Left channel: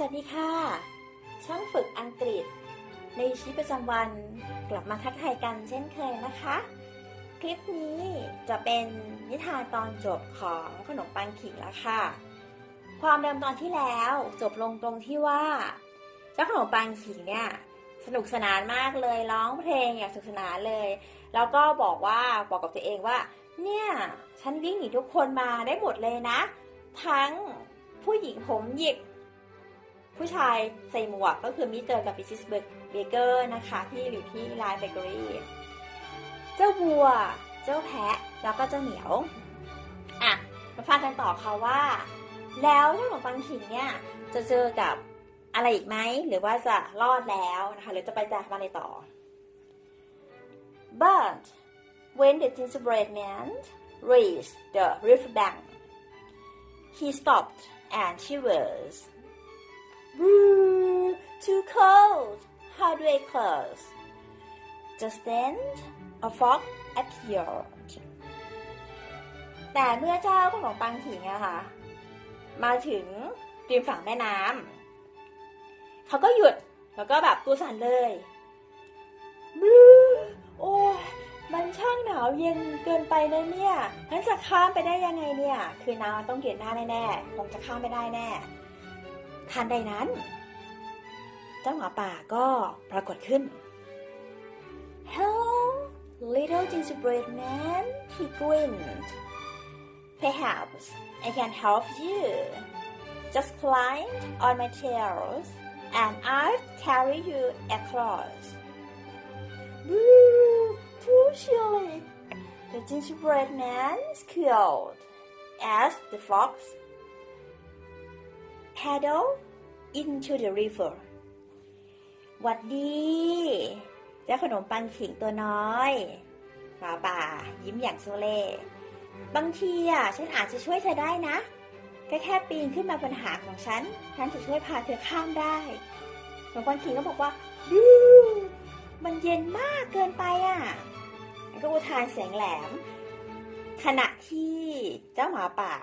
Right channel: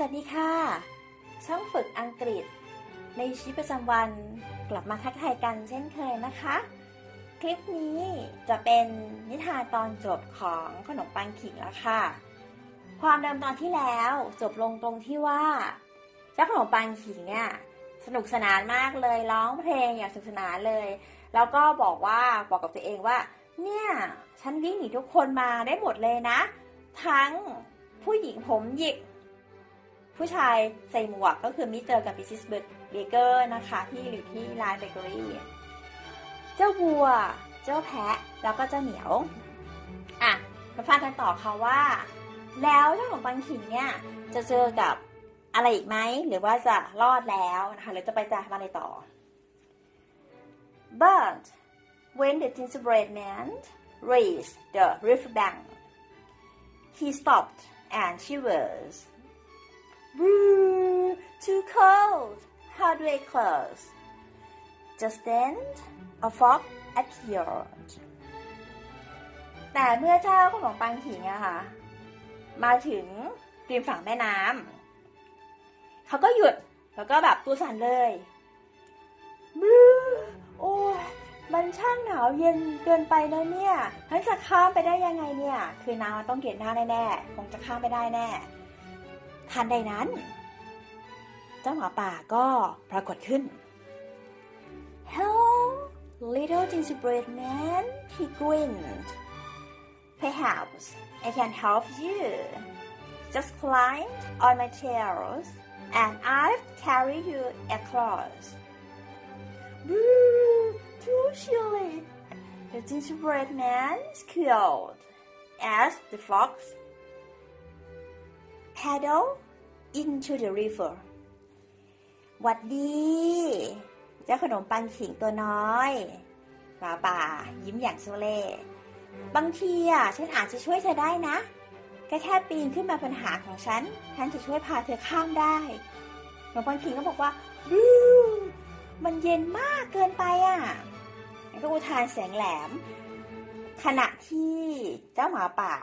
สวัสดีค่ะ ช่างฝึกอังกฤษ ในชีวิตประจำวันกลับมาทักทายกันเช่นเคยนะคะ คลิปนี้จะเป็นนิทานตอนจบของขนมปังขิงแล้วค่ะ ความเดิมตอนที่แล้วจบลงตรงที่ว่าเจ้าขนมปังขิงเนี่ยสนุกสนานมากเลยร้องเพลงอย่างสนุกสนานเลย แล้วก็บอกว่าบอกกับตัวเองว่า เนี่ยฉันวิ่งหนีทุกคนมาได้หมดเลยนะ ทั้งผู้หญิงผมหยิก ผู้ชายใส่หมวกก็คือมิสเตอร์กับมิสซิสเบเกอร์นะคะ ที่อยู่ที่ร้านเบเกอรี่เจ้าวัว เจ้าแพะ แล้วก็เจ้าเหมียว อะ มาฟังกันต่อค่ะว่า แล้วเจ้าขนมปังขิงเนี่ยจะเจอกับอะไรอีกไหม หรือว่าจะรอดแล้วนะคะหรือจะไปจากอะไรต่อ But when the gingerbread man reached the river bank, he stopped and shivers. Woo! Too cold! How do I close? Just then, a fog appeared. แต่เมื่อเจ้าขนมปังขิงอะค่ะ มาถึงริมฝั่งแม่น้ำเขาก็หยุด แล้วก็แบบตัวสั่นเลยบลูโอ้มันช่างหนาวเย็นเกินไปนะเนี่ยฉันจะข้ามไปได้ยังไงเนี่ย คือน้ำต้องเกลียดหน้าแน่ๆ คงจะข้ามไม่ได้แน่ ทันใดนั้น เจ้าหมาป่าก็ปรากฏขึ้น Hello, little gingerbread man, he grinned. Perhaps I can help you. Just climb on my tails, and I'll carry you across. Woo! Too chilly! The gingerbread man squealed as the fox paddle into the river. หวัดดี เจ้าขนมปังขิงตัวน้อยหมาป่า ยิ้มอย่างโซเล่บางทีอะ ฉันอาจจะช่วยเธอได้นะ แค่แค่ปีนขึ้นมาปัญหาของฉัน ฉันจะช่วยพาเธอข้ามได้ขนมปังขิงก็บอกว่าดูมันเย็นมากเกินไปอะแล้วก็อุทานแสงแหลม ขณะที่เจ้าหมาป่า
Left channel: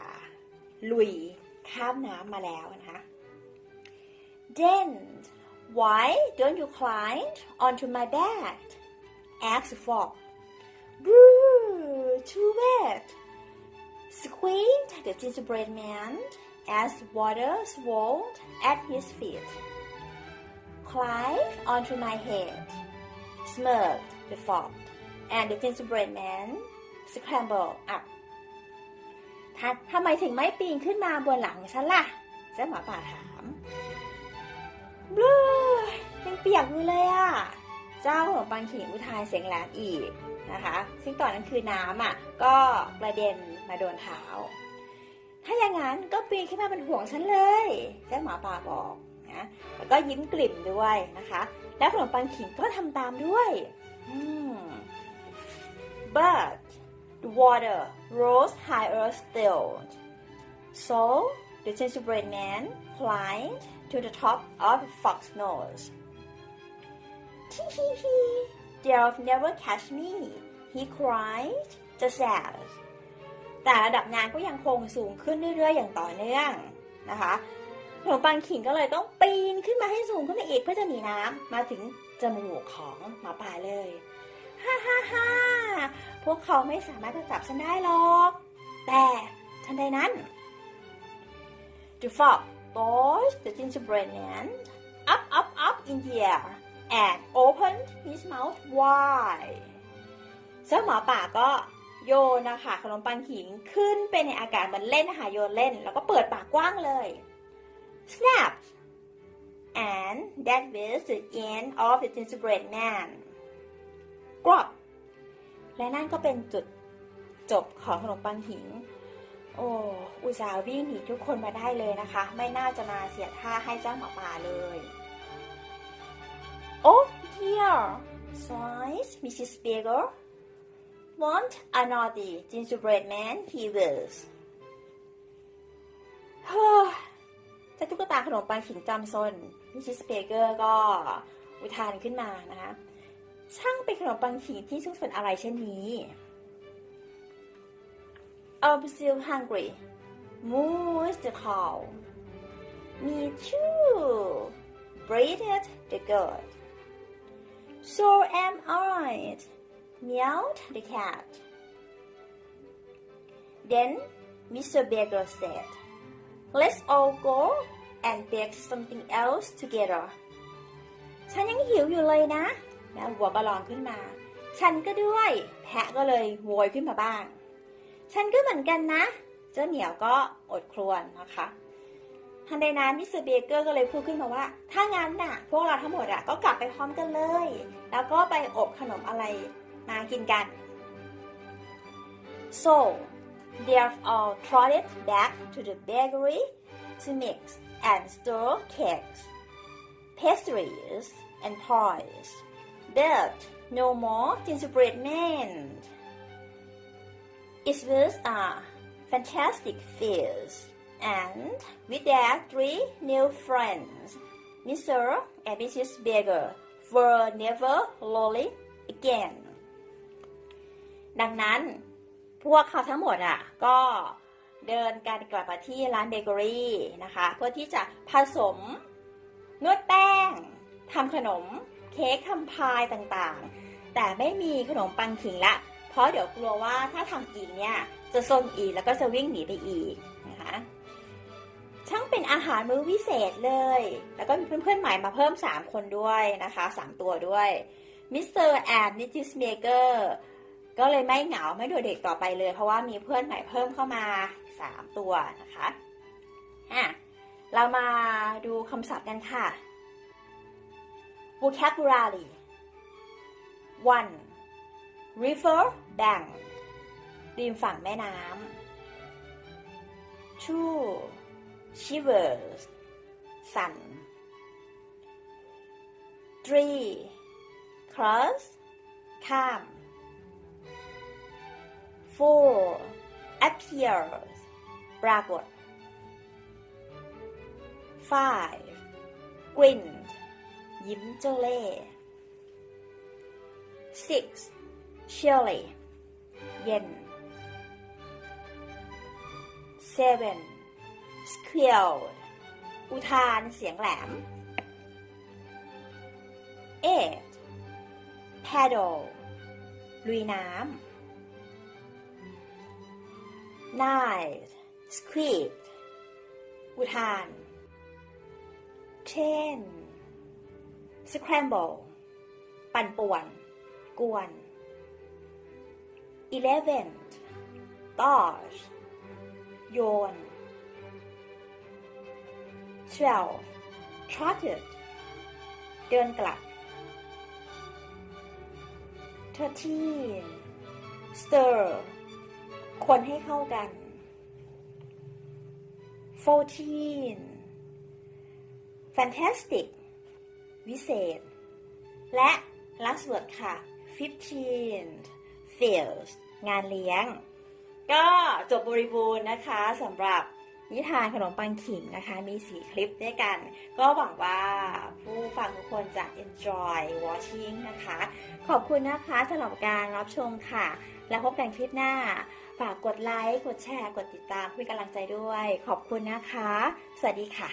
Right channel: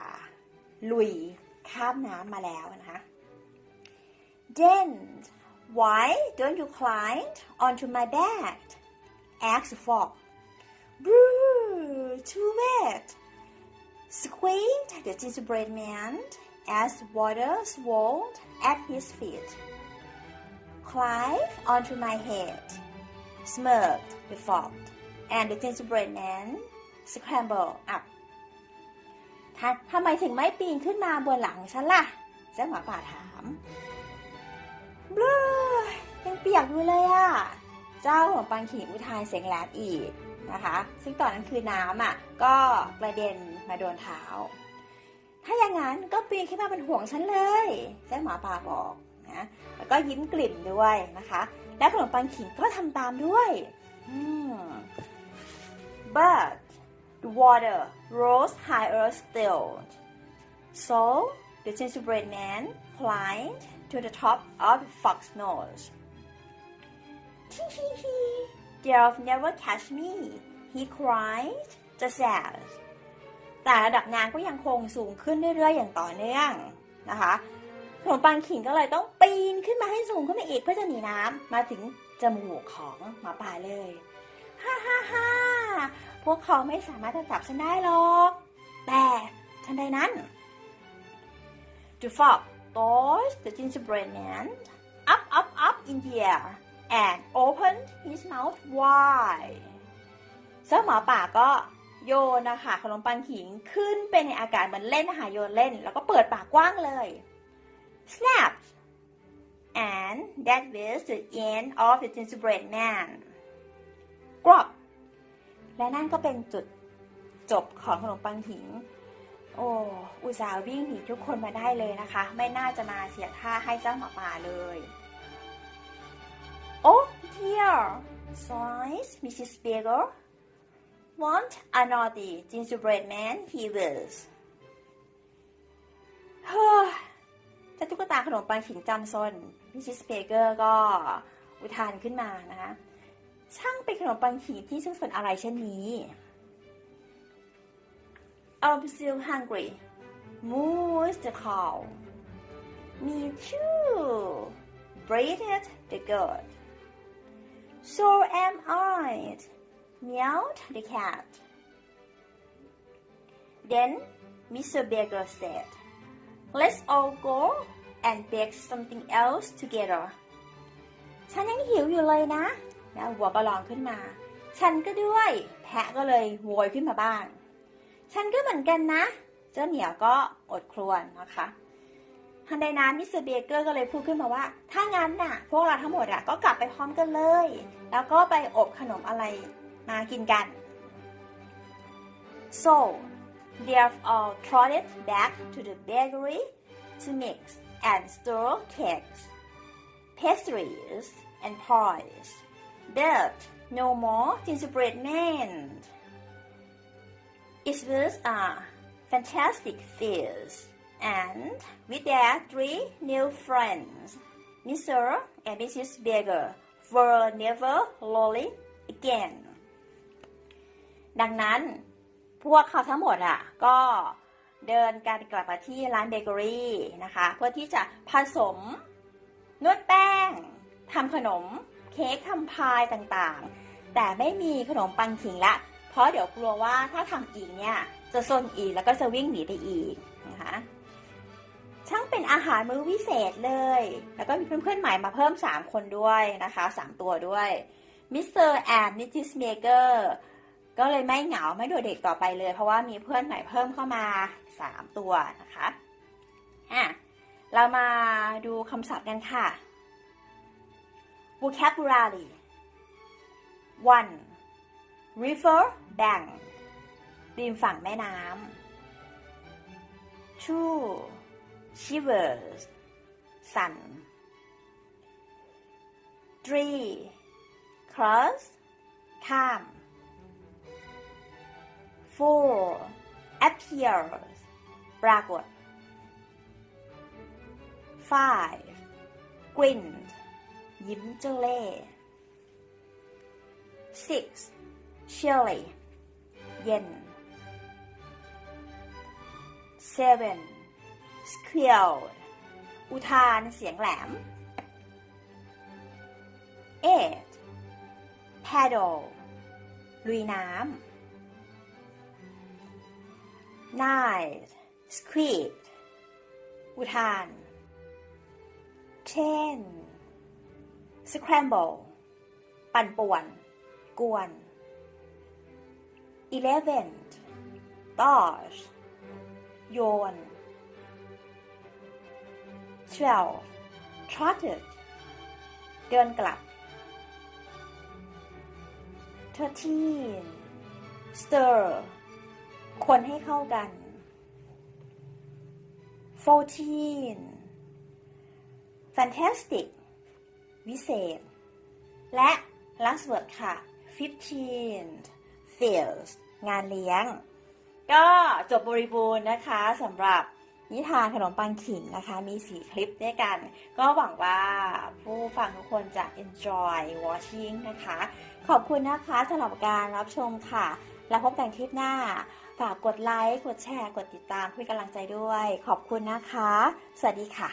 ลุย ข้ามน้ำมาแล้วนะคะ Then why don't you climb onto my back? asked the frog. Boo! Too wet! Squeaked the gingerbread man as the water swirled at his feet. Climb onto my head, smirked the frog, and the gingerbread man scrambled up. ถ้าทำไมถึงไม่ปีนขึ้นมาบนหลังฉันล่ะเจ้าหมาป่าถามบลูยังเปียกอยู่เลยอะเจ้าของปังขิงอุทานเสียงแหลมอีกนะคะ ซึ่งตอนนั้นคือน้ำอะ ก็กระเด็นมาโดนเท้า ถ้าอย่างนั้นก็ปีนขึ้นมาเป็นห่วงฉันเลยเจ้าหมาป่าบอกนะแล้วก็ยิ้มกลิ่นด้วยนะคะ และขนมปังขิงก็ทำตามด้วย อืม but the water rose higher still so the gingerbread man climbed to the top of the fox nose. Tee hee hee, they'll never catch me, he cried just as. แต่ระดับน้ำก็ยังคงสูงขึ้นเรื่อยๆ อย่างต่อเนื่องนะคะขนมปังขิงก็เลยต้องปีนขึ้นมาให้สูงขึ้นมาอีกเพื่อจะหนีน้ำมาถึงจมูกของหมาป่าเลย ฮ่าฮ่าฮ่าพวกเขาไม่สามารถจะจับฉันได้หรอก แต่ทันใดนั้น The fox tossed the gingerbread man up, up, up in the air and opened his mouth wide. เจ้าหมาป่าก็โยนนะคะขนมปังขิงขึ้นไปในอากาศมันเล่นนะคะโยนเล่น แล้วก็เปิดปากกว้างเลย snap and that was the end of the gingerbread man กรอบและนั่นก็เป็นจุดจบของขนมปังขิงโอ้อุตส่าห์วิ่งหนีทุกคนมาได้เลยนะคะ ไม่น่าจะมาเสียท่าให้เจ้าหมาป่าเลย โอ้ dear sighs Mrs. Bagel want a naughty gingerbread man he was เฮ้ยเจ้าตุ๊กตาขนมปังขิงจำซน Mrs. Baker ก็อุทานขึ้นมานะคะ ช่างเป็นขนมปังขิงที่ซึ่งสนอะไรเช่นนี้ I'm still hungry. Moose the cow. Me too, breathed the goat. So am I, meowed the cat. Then Mr. Beggar said, Let's all go and bake something else together. ฉันยังหิวอยู่เลยนะ แล้ววัวก็ร้องขึ้นมา ฉันก็ด้วย แพะก็เลยโวยขึ้นมาบ้าง ฉันก็เหมือนกันนะ เจ้าเหมียวก็อดครวญนะคะทันใดนั้นมิสเตอร์เบเกอร์ก็เลยพูดขึ้นมาว่า ถ้างั้นน่ะ พวกเราทั้งหมดอะก็กลับไปพร้อมกันเลย แล้วก็ไปอบขนมอะไรมากินกัน so they all trotted back to the bakery to mix and stir cakes pastries and pies but no more gingerbread men it was a fantastic feast and with their three new friends Mr. and Mrs. Beaver were never lonely again ดังนั้นพวกเขาทั้งหมดอะก็เดินกันกลับมาที่ร้านเบเกอรี่นะคะ เพื่อที่จะผสมนวดแป้งทำขนม เค้กทำพายต่างๆ แต่ไม่มีขนมปังขิงละ เพราะเดี๋ยวกลัวว่าถ้าทำอีกเนี่ย จะซนอีกแล้วก็จะวิ่งหนีไปอีกนะคะช่างเป็นอาหารมื้อวิเศษเลย แล้วก็มีเพื่อนๆใหม่มาเพิ่ม 3 คนด้วยนะคะ 3 ตัวด้วยมิสเตอร์แอนนิติสเมเกอร์ก็เลยไม่เหงาไม่โดดเด็กต่อไปเลย เพราะว่ามีเพื่อนใหม่เพิ่มเข้ามา 3 ตัวนะคะอะเรามาดูคำศัพท์กันค่ะ vocabulary one river bank ริมฝั่งแม่น้ำ two shivers สั่น three cross ข้าม four appears ปรากฏ five grinned ยิ้มเจ้าเล่ห์ six chilly เย็น seven squeal อุทานเสียงแหลม eight paddle ลุยน้ำ nine squeak อุทาน ten scramble ปั่นป่วน กวน eleven dodge โยน twelve trotted เดินกลับ thirteen stir คนให้เข้ากัน fourteen fantastic วิเศษ และ last word ค่ะ fifteen fails งานเลี้ยง ก็จบบริบูรณ์นะคะสำหรับนิทานขนมปังขิงนะคะ มีสีคลิปด้วยกัน ก็หวังว่าผู้ฟังทุกคนจะ enjoy watching นะคะ ขอบคุณนะคะสำหรับการรับชมค่ะ แล้วพบกันคลิปหน้า ฝากกดไลค์ กดแชร์ กดติดตามเพื่อกำลังใจด้วย ขอบคุณนะคะ สวัสดีค่ะ